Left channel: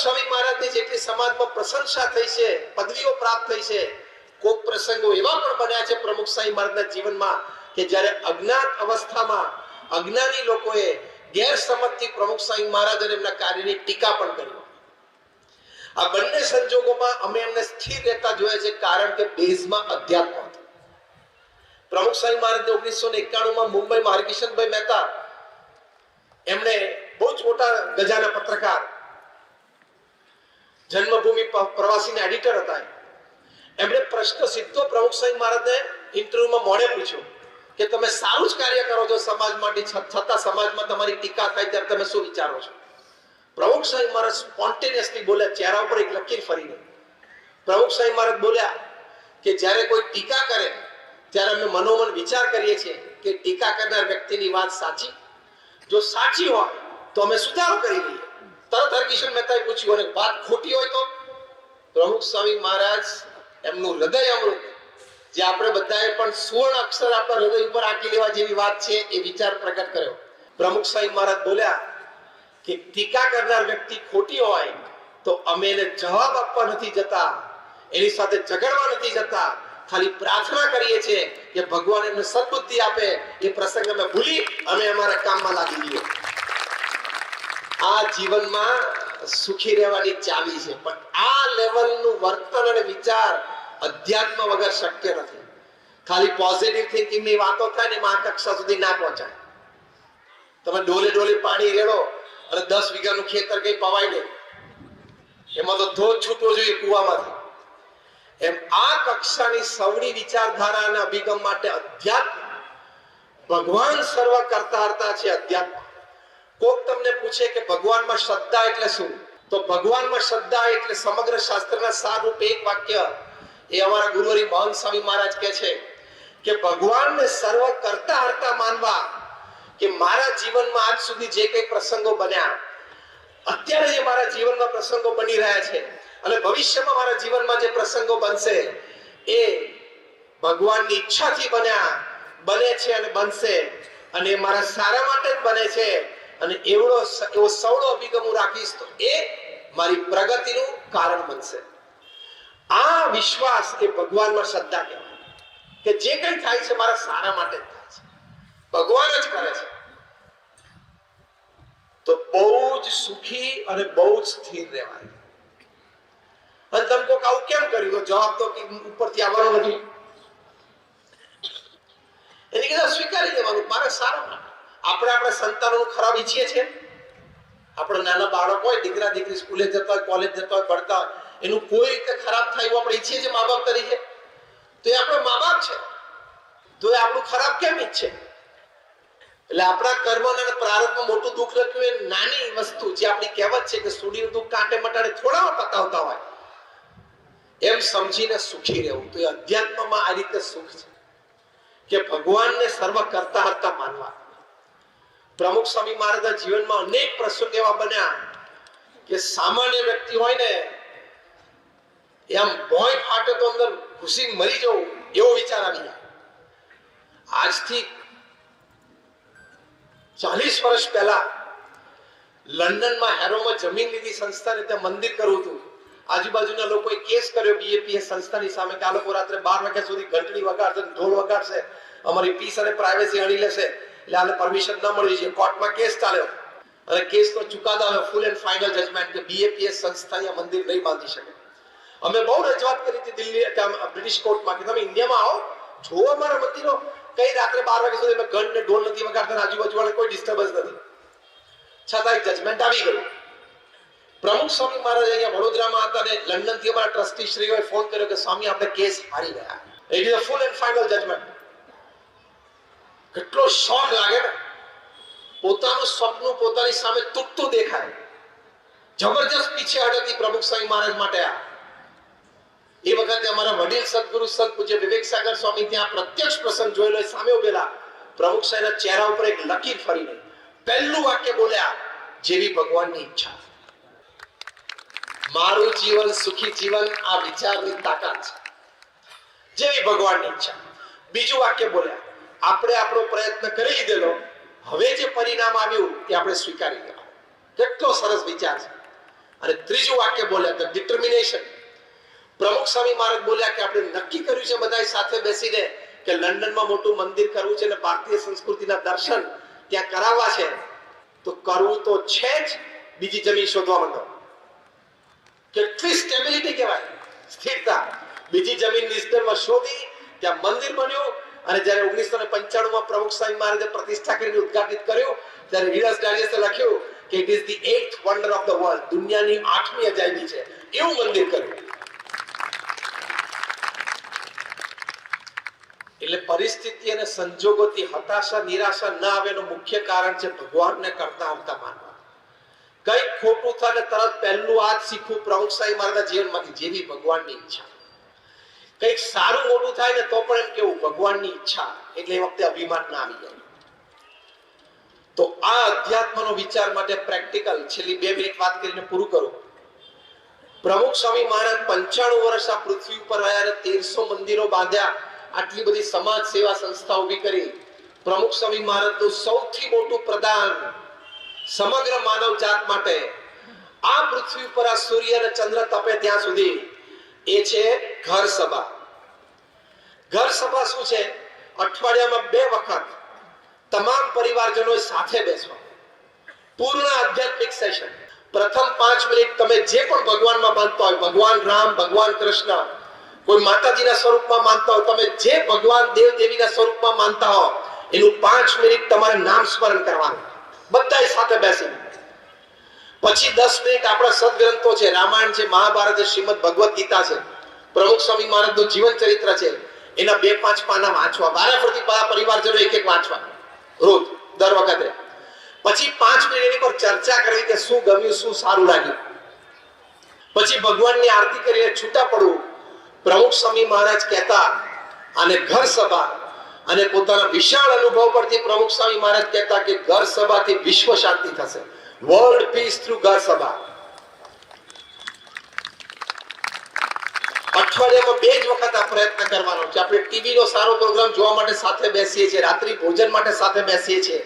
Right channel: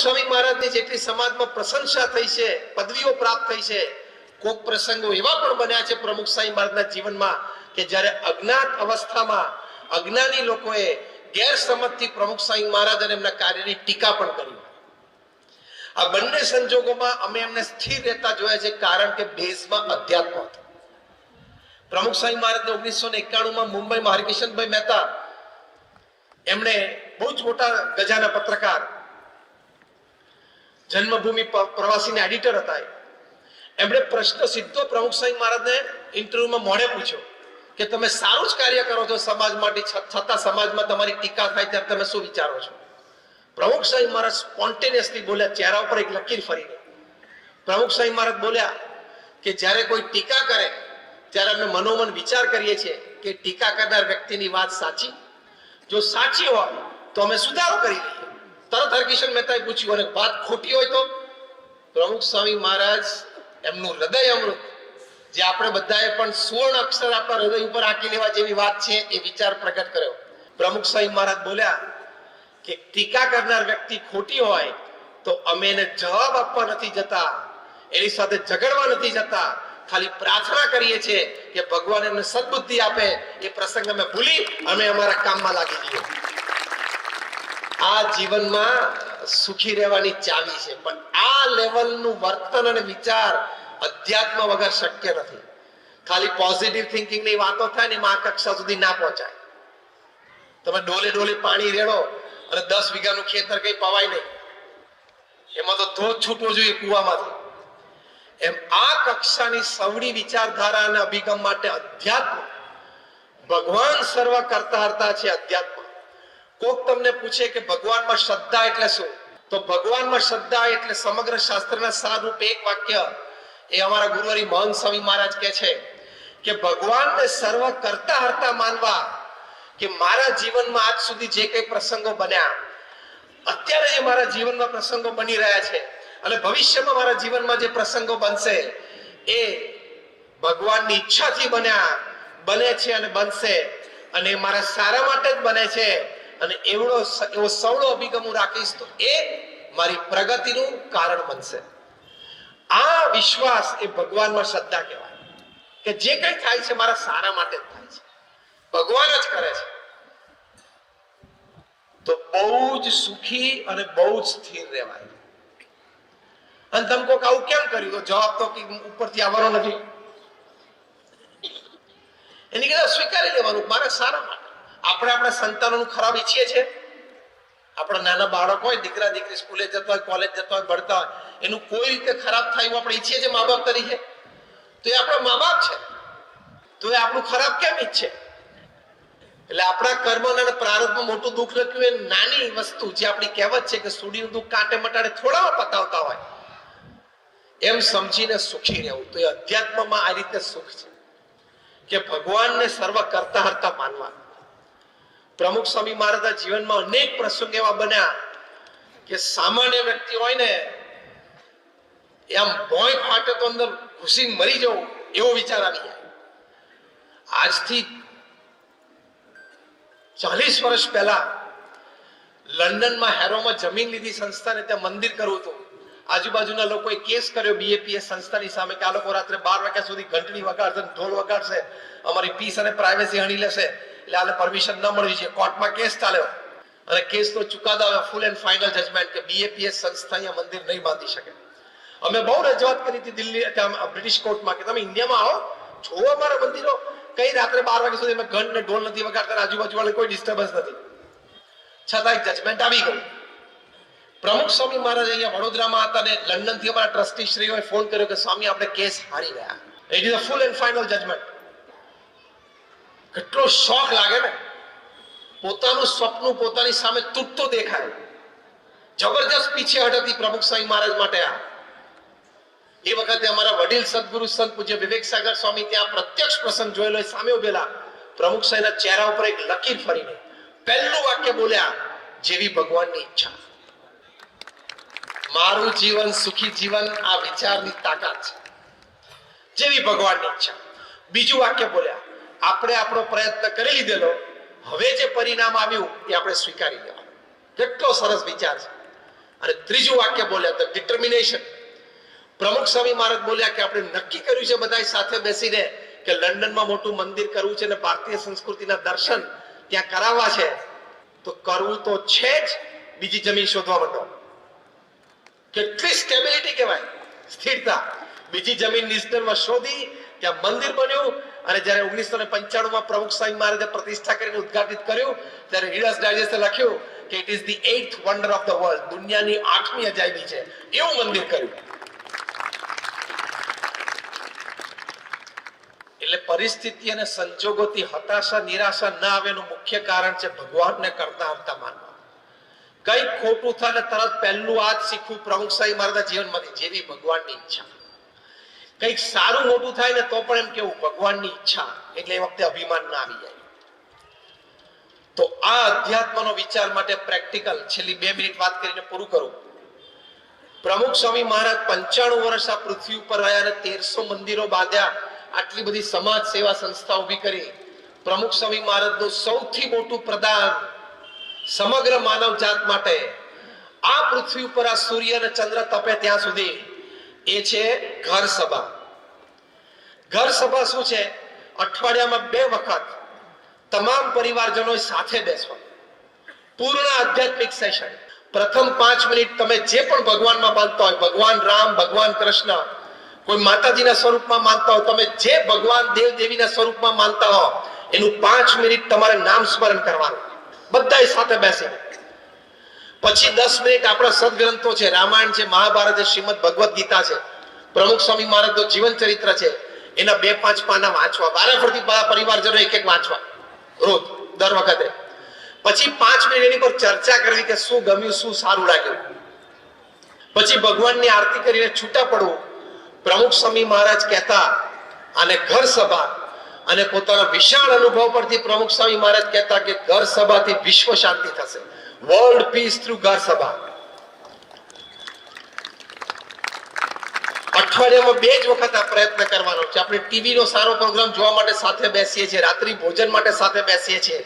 સ્વામી મહારાજની જેટલી સમાજમાં પ્રશંસા થઈ છે, પદવીઓ પ્રાપ્ત થઈ છે, કોક પ્રસંગો એવા પણ બન્યા છે પ્રમુખ સ્વામી મહારાજના જીવનમાં કે જ્યારે અજ્ઞાત અવસ્થામાં અજ્ઞાની લોકોએ ગેરસમજથી પ્રમુખ સ્વામી મહારાજ અને એમના કાર્યની ટીકા પણ કરી. આ બંને સંજોગોમાં અમે એમને સ્થિર રહેતા જોયા છે, કારણ કે બેઝમાં અધ્યાત્મ હતો. પ્રમુખ સ્વામી મહારાજને 1991માં મુંબઈમાં હરિકિશનભાઈ મહેતા, એમણે બહુ જ મોટા ગજાના પત્રકાર, જન્મભૂમિ પ્રવાસીના એડિટર હતા. એમણે પ્રશ્ન સીધો પ્રમુખ સ્વામી મહારાજને ઇન્ટરવ્યુમાં મોડે પૂછ્યો કે તમે સારું જ કાર્ય કરો છો સમાજ માટે, છતાં સમાજમાં તમારી ટીકા થાય ત્યારે તમે શું વિચારો છો? પ્રમુખ સ્વામી મહારાજ સ્પોન્ટેનિયસલી બોલ્યા, ચહેરા ઉપર એક લકીર ફરીને. પ્રમુખ સ્વામી મહારાજ બોલ્યા કે જ્યારે કોઈ ટીકા કરે ત્યારે અમે મનોમન વિચાર કરીએ છીએ કે ટીકા કરનાર વ્યક્તિની વાત સાચી, જો સાચી હોય તો અમે સુધારો કરી લઈએ. તરત હરકિશન મહેતાએ પૂછ્યું, અને વાત ખોટી હોય તો? પ્રમુખ સ્વામી મહારાજ એમનું હૃદય અમૃત, જે આપણે બધાએ પણ સુવર્ણ અક્ષર આપણા હૃદય ઉપર આંકી લેવા જેવી વાત છે, એ વિચાર પ્રગટ કર્યો. પ્રમુખ સ્વામી મહારાજ બોલ્યા કે ટીકા કરનાર વ્યક્તિ ખોટી હોય તો અમે એને જવાબ આપવા નથી જતા, એની સાથે ઝઘડવા નથી જતા, ખાલી પ્રાર્થના કરીએ છીએ કે ભગવાન એમને સદબુદ્ધિ આપે. એ પ્રસંગ અમે ભૂલી અમે અમારા કામમાં લાગી જઈએ. આ જીવનમાં સુખી રહેવાની ચાવી છે, પણ આ લેવલનું વર્તન અને વિચાર અધ્યાત્મ વગર શક્ય નથી. ખાલી પોઝિટિવ થિંકિંગની વાતો થાય ને એમાં આ કક્ષા સુધી ના પહોંચાય. તમે ડોલે ડોલે પાણી રેડો અને 10 વીઘાનું ખેતર કઈ પવાય નહીં, એમાં તો ધોધ છૂટવો જોઈએ કુવામાંથી. એમ આ કક્ષાની સવડી વિચારધારા અને અભિગમ માટે અધ્યાત્મ, ભગવાન સર્વ કરતા હરતા છે. અધ્યાત્મ કોક તમને પૂછે કે ભગવાનમાં શ્રદ્ધા એટલે શું, તો ભગવાનમાં શ્રદ્ધા એટલે સમગ્ર શાસ્ત્રના સારરૂપ એક વાક્ય, એ અમારા ગુરુવરી મહંત સ્વામી મહારાજ કહે છે કે ભગવાનને સર્વ કરતા હરતા માનવા. કે મારા જીવનમાં આજ સુધી જે કઈ પ્રસંગો બન્યા, અત્યારે જે મારા જીવનમાં પ્રસંગો બની રહ્યા છે અને ભવિષ્યમાં મારા જીવનમાં જે પ્રસંગો બનશે, એ ભગવાનની ઈચ્છાથી બને છે અને બનશે, અને એ મારા સારા માટે જ બને છે. અને એવો સવળો અભિગમ હું રાખીશ તો એ મારી પ્રગતિનું કારણ બનશે. આ વિશ્વાસ એ ભગવાનમાં શ્રદ્ધા કહેવાય કે જે કંઈ થાય છે મારા સારા માટે જ થાય છે, ભગવાન જ કરે છે. તો બહુ જ સુખી અને બહુ જ સ્થિર રહેવાય. અને તમે કોક આવું કેમ કર્યું, તો જવાબ તો ઉપરથી આવવાનો નથી. એની કદાચ સ્વીકારી લેવાનું મારા સારા માટે. આપણે આપણા સંતાનોનું ખરાબ ઈચ્છીએ છીએ. આપણા નાના બાળક હોય, દીકરા દીકરી સ્કૂલે જતા હોય, કોલેજ જતા હોય, ભણતા હોય, એનું કોઈ રીતે ખરાબ થાય એવું આપણે ઈચ્છીએ છીએ મા બાપ તરીકે? તો એ આપણા મા બાપ છે, તો એ આપણું ખરાબ કેમ ઈચ્છે? એટલે આપણા કર્મ અને પ્રારબ્ધમાં મોટું દુઃખ લખ્યું એ નાની વસ્તુ, જે આપણી કહેવત છે કે સુડીનું દુઃખ કાંટે મટાડે થોડામાં પતાવતા હોય, એમ સમજીને સુખી રહેવું. તો એ અધ્યાત્મમાં આ રીતે સુખ છે કે ભગવાનને સર્વ કરતા હરતા માનવા. પ્રમુખ સ્વામી મહારાજના જીવનમાં અનેક પ્રસંગ એવા બન્યા કે સામાન્ય વ્યક્તિ હોય ને એમ ભોંય ફાટે તો અંદર ઘૂસીને મરી જવું એવો વિચાર આવી જાય. આજથી 40 વર્ષ પહેલા લંડનમાં હેરોમાં જમીન લીધી સંસ્થાને, ત્યાં મંદિર કરવું હતું. આજુબાજુના લોકોએ કેસ કર્યો બીએપીએસ સંસ્થાની સામે કે આ લોકો રાત્રે 12 વાગ્યા સુધી ઘંટડી વગાડશે, ઢોલ વગાડશે, અમારી પીસ અને પ્રાઇવેસી હણી લેશે, એટલે આને પરમિશન ન મળવી જોઈએ. કોર્ટમાં કેસ ચાલ્યો અને કેસનો ચુકાદો આવ્યો, ફૂલ એન્ડ ફાઇનલ જજમેન્ટ કે બીએપીએસ સંસ્થા અહીંયા મંદિર નહીં બાંધી શકે. અમે બહુ રજૂઆત કરી હતી દિલ્હી બ્રિટિશ કોર્ટમાં કે તમે ઇન્ડિયામાં આવો, જોવો અમારા મંદિરો, કઈ રાત્રે 12 વાગ્યા સુધી અમે ઘંટ ને ઢોલ નથી વગાડતા, આજુબાજુ વાળા કોઈ ડિસ્ટર્બન્સ નથી. છતાં એક જજમેન્ટ આવી ગયું. પ્રમુખ સ્વામી મહારાજ અહીંયા વડોદરામાં હતા ને લંડનથી અમારા ટ્રસ્ટી શ્રીઓએ ફોન કર્યો કે સ્વામી આપણે કેસ હારી ગયા. It is a full and final judgement. કેટલો શોખ લાગે ને, પોતાનું સ્વપ્ન પોતાની સામે તૂટતું દેખાય. જબરજસ્ત પીછેહટ હતી પ્રમુખ સ્વામી મહારાજ માટે. આ એ વખતે અમારા વડીલ સદગુરુ સંત પૂજ્ય વિવેક સાગર સ્વામી ત્યાં પ્રત્યક્ષ પ્રસંગ જોયેલો, સામે ઉભેલા. પ્રમુખ સ્વામીના ચહેરા ઉપર એક લકીર ફરીને પહેલું વાક્ય બોલ્યા, જેવી ભગવાનની ઈચ્છા. મારું જીવન સુખી જીવન આ વિચારની તાકાત છે, જેવી ભગવાનની ઈચ્છા. બીજું વાક્ય બોલ્યા, આપણે આપણો પ્રયત્ન કરી લીધેલો, હવે જે પરિણામ આવ્યું એ આપણે સ્વીકારી લેવાનું. કેટલો સરસ વિચાર છે. અને ત્રીજું વાક્ય બોલ્યા ધ ડિટર્મિનેશન. પ્રમુખ સ્વામી મહારાજ બોલ્યા કે આપણે નક્કી કર્યું છે બધા સાથે બેસીને કે લંડનમાં મોટું મંદિર કરવું છે અને ભારતીય સંસ્કૃતિના દર્શન ત્યાં કરાવવા છે, તો કરવું તો છે જ, બીજી જમીન શોધવા માંડો. કેટલી સ્ટેબિલિટી કહેવાય, સ્થિરતા. બીજી જમીન નિઝનરમાં શોધી, ત્યાં મંદિર બન્યું, અને જ્યારે 1995 પ્રમુખ સ્વામી મહારાજે પ્રતિષ્ઠા કરીને ઉદ્ઘાટિત કર્યું, ત્યારે રીડર્સ ડાયજેસ્ટે લખ્યું કે it is the 8th wonder of the world, દુનિયાની 8મી અજાયબી છે, એવું મંદિર કર્યું. એટલે પરિસ્થિતિ અને સંજોગોથી હતાશા નિરાશા ન આવે એનું મુખ્ય કારણ છે ભગવાનને કરતા આવતા માનવા. કઈ ખોટું થાય ને તરત પહેલું આ જ શીખવું પ્રમુખ સ્વામી મહારાજના જીવનમાંથી, જેવી ભગવાનની ઈચ્છા. કઈક સારું મોટું થાય ને તો પણ એમ કેવું ભગવાનની ઈચ્છા, એટલે એ વખતે અભિમાન ના આવી જાય. તો આ અધ્યાત્મનો વિચાર માટે પ્રેક્ટિકલ છેલ્લી 2 મિનિટ વાત કરીને પૂરું કરું. પ્રમુખ સ્વામી મહારાજ 95 વર્ષ આ પૃથ્વી ઉપર રહ્યા અને 1300 મંદિરો બાંધ્યા, આટલી બધી સમાજ સેવા સંસ્થા ઉભી કરી. પ્રમુખ સ્વામી મહારાજનું સૌથી મોટું પ્રદાન સમગ્ર માનવ જાત માટે આ પૃથ્વી ઉપર આ સૂર્ય અને ચંદ્ર તપે ત્યાં સુધી, એ છે ઘર સભા. ઘર સભા શું છે? અઠવાડિયામાં 2 વખત તમામ પરિવારજનો સાથે બેસવા, પૂર્ણ આધ્યાત્મિક સેશન. પ્રથમ 5 મિનિટ તમે જે પણ ભગવાનમાં માનતા હોય, ભગવાન રામ, ભગવાન કૃષ્ણ, કોઈ માતાજીના સ્વરૂપમાં માનતા હો, તમે જે ભગવાન દેવ દેવીના સ્વરૂપમાં માનતા હો, એનું 5 મિનિટ તમારે નામ સ્મરણ કરવાનું, બધા સાથે બેસીને. પછી 10 મિનિટ આપણા સદગ્રંથો છે, રામાયણ છે, મહાભારત છે, શ્રીમદ ભગવદ ગીતા છે, પ્રમુખ સ્વામી મહારાજનું જીવન ચરિત્ર છે, એના 2-5 પાના વાંચવા, વારાફરતી પરિવારજનો એક વાંચવા રોજ, દર વખતે. પછી 5 મિનિટ એની પર ચર્ચા કરવી કે શું ગમ્યું, શું સારું લાગ્યું. પછી ભગવાનની આરતી કરીને છૂટા પડવું. પ્રમુખ સ્વામી મહારાજ કહેતા, અને ઘર સભા, અને પોતાના વિશાળ અનુભવ પરથી પ્રમુખ સ્વામી મહારાજ કહેતા કે ઘર સભાથી વિશ્વ શાંતિ થશે, વર્લ્ડ પીસ થ્રુ ઘર સભા. અઠવાડિયામાં 2 જ વખત આ પ્રયત્ન કરવાનો છે. આપણે ટીવી નો સારો પ્રોગ્રામ જોવા માટે સાથે બેસીએ છીએ, રાત્રિ ભોજન માટે સાથે બેસીએ છીએ.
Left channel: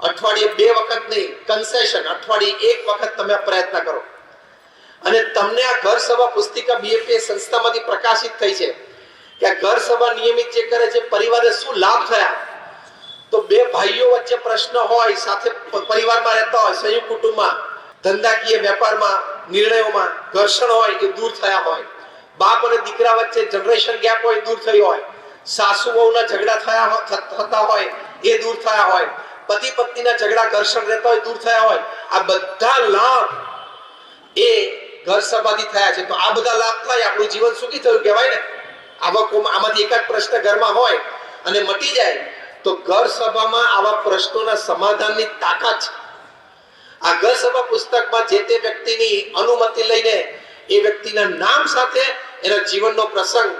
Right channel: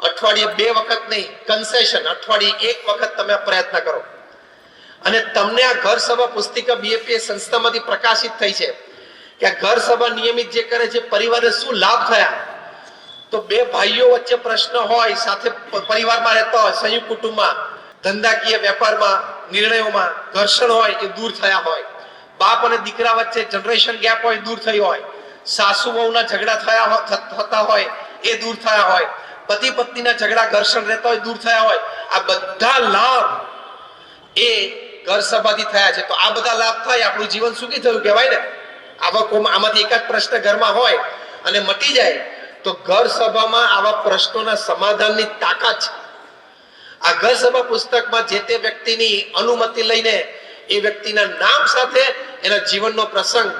અઠવાડિયે 2 વખત નહીં, કન્સેશન, અઠવાડિયે 1 વખત તમે આ પ્રયત્ન કરો. અને તમને આ ઘર સભા પુસ્તિકા બીએપીએસ સંસ્થામાંથી પ્રકાશિત થઈ છે કે આ ઘર સભા નિયમિત જે કરે છે પરિવારને શું લાભ થયા. તો 2 ભાઈઓ વચ્ચે પ્રશ્ન હોય, સાથે પરિવારમાં રહેતા હોય, સંયુક્ત કુટુંબમાં, ધંધાકીય વેપારમાં, નિર્ણયોમાં ઘર્ષણ હોય એ દૂર થયા હોય. બાપ અને દીકરા વચ્ચે જનરેશન ગેપ હોય, દૂર થઈ હોય. સાસુ વહુના ઝઘડા થતા હોય એ દૂર થયા હોય. પતિ પત્નીના ઝઘડા ઘર્ષણ રહેતા હોય, દૂર થયા હોય. આ બધા લાભ એ ઘર સભાથી થયા છે. તો આ બધા લાભ થાય, આપણું જીવન સુખી થયું કહેવાય ને. આમાંથી એક જ પ્રશ્ન ઘરમાં હોય અને મટી જાય, તો ઘર સભામાં આવા પ્રશ્નોના સમાધાનની તાકાત છે. આ ઘર સભા પુસ્તકમાં જે તે વ્યક્તિની અનુમતિ લઈને એ વ્યક્તિના નામ સાથે એના જીવનનો પ્રસંગ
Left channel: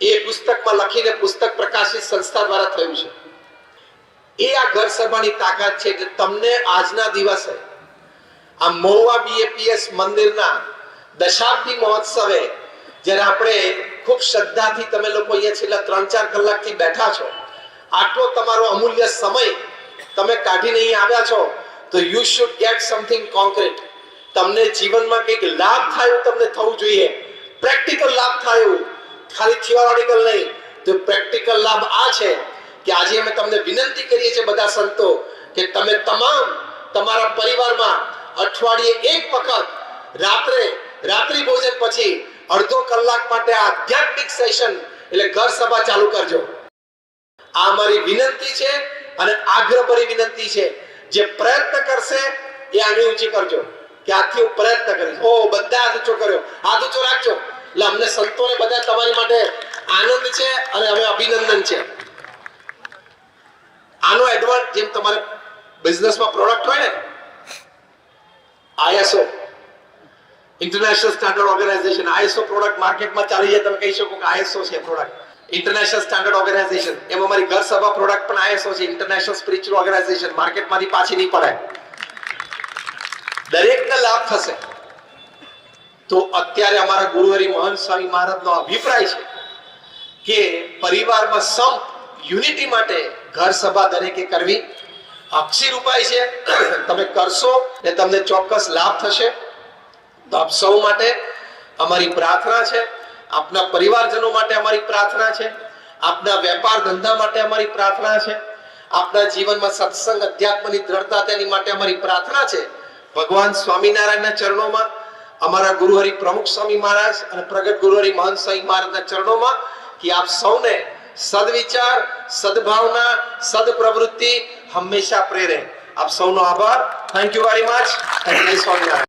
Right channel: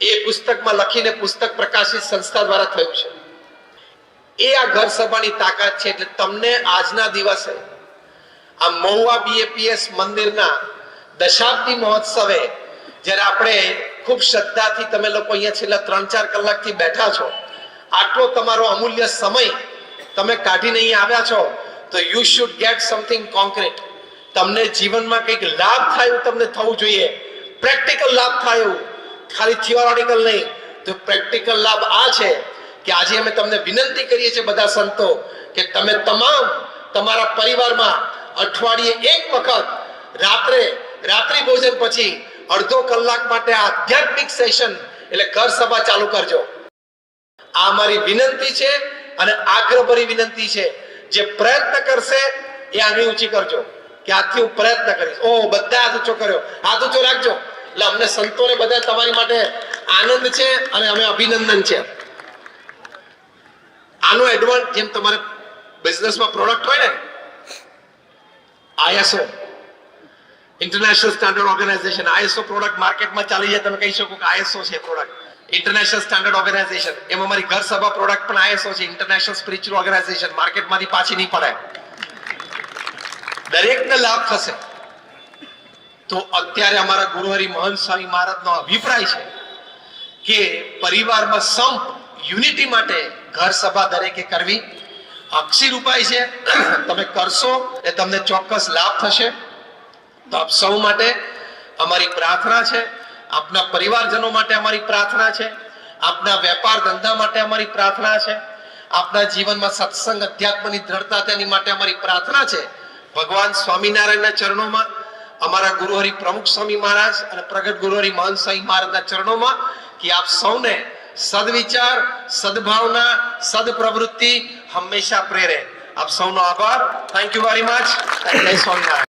એ પુસ્તકમાં લખીને પુસ્તક પ્રકાશિત સંસ્થા દ્વારા થયું છે. એ આ ઘર સભાની તાકાત છે. એટલે તમને આજના દિવસે આ મહુવા બીએપીએસ મંદિરના દશાબ્દી મહોત્સવે, જ્યારે આપણે ખૂબ શ્રદ્ધાથી તમે લોકો અહીંયા છેલ્લા 3-4 કલાકથી બેઠા છો, આટલો તમારો અમૂલ્ય સમય તમે કાઢીને અહીં આવ્યા છો, તો you should gate something concrete. તમને જીવનમાં કંઈક લાભ થાય એવું તમને થવું જોઈએ, પ્રેક્ટિકલ લાભ થાય એવું, ખાલી થિયોરિટિકલ નહીં. તો પ્રેક્ટિકલ લાભ આ છે કે આજે અમે તમને વિનંતી કરીએ છીએ બધા સંતો કે તમે તમામ તમારા પરિવારમાં અઠવાડિયે 1 વખત રાત્રિ ભોજન પછી અડધો કલાક માટે આધ્યાત્મિક સેશન એટલે ઘર સભા ચાલુ કરજો. આ અમારી વિનંતી છે અને આગ્રહભરી વિનંતી છે. જે પ્રયત્ન કરશે એ આંગળી ઊંચી કરજો કે આજથી હું પ્રયત્ન કરીશ. ઓ બધા હાથ ઊંચો કર્યો, હાથ ઊંચો રાખજો. એટલે અમને સંતોને બધા તમારી માટે આનંદ છે અને અમે અભિનંદન છે. આનો એડવાન્સ, જેમ તમારે બિઝનેસમાં પ્રોડક્ટ હોય ને, ISO international standard organisation, ISO product માર્કેટમાં ચાલી જાય, તમે કહી શકો કે ISO છે પ્રોડક્ટ, ઇન્ટરનેશનલ સ્ટાન્ડર્ડ ઓર્ગેનાઇઝેશન. એમ અમારી ઘર સભા પ્રોડક્ટ પણ ISO છે, ઇન્ટરનેશનલ સ્પિરિચ્યુઅલ ઓર્ગેનાઇઝેશન. માર્કેટમાંથી પાછી નહીં પડે, દરેકને લાભ થશે. તો અત્યારે અમારા ગુરુહરિ મહંત સ્વામી મહારાજનો અભિપ્રાય છે કે પરિવારમાં સંપ, યુનિટી માટે ઘર સભા દરેકે કરવી અક્ષીર ઉપાય છે. તમે કરશો એટલે તમને ચોક્કસ લાભ થશે. આપ સૌ માટે અમારી પ્રાર્થના છે, આપના પરિવારજનો માટે અમારી પ્રાર્થના છે, આપના વેપાર ધંધા માટે અમારી પ્રાર્થના છે, આપના જીવનમાં સત્સંગ અધ્યાત્મની દ્રઢતા તેની માટે અમારી પ્રાર્થના છે. ભગવાન સ્વામિનારાયણના ચરણોમાં, અમારા ગુરુહરિ પ્રમુખ સ્વામી મહારાજ અને પ્રગટ ગુરુહરિ મહંત સ્વામી મહારાજના ચરણોમાં કે આપ સૌને સદવિચાર, સદભાવના, સદપ્રવૃત્તિ હંમેશા પ્રેરે. આપ સૌનો આભાર. Thank you very much. જય સ્વામિનારાયણ.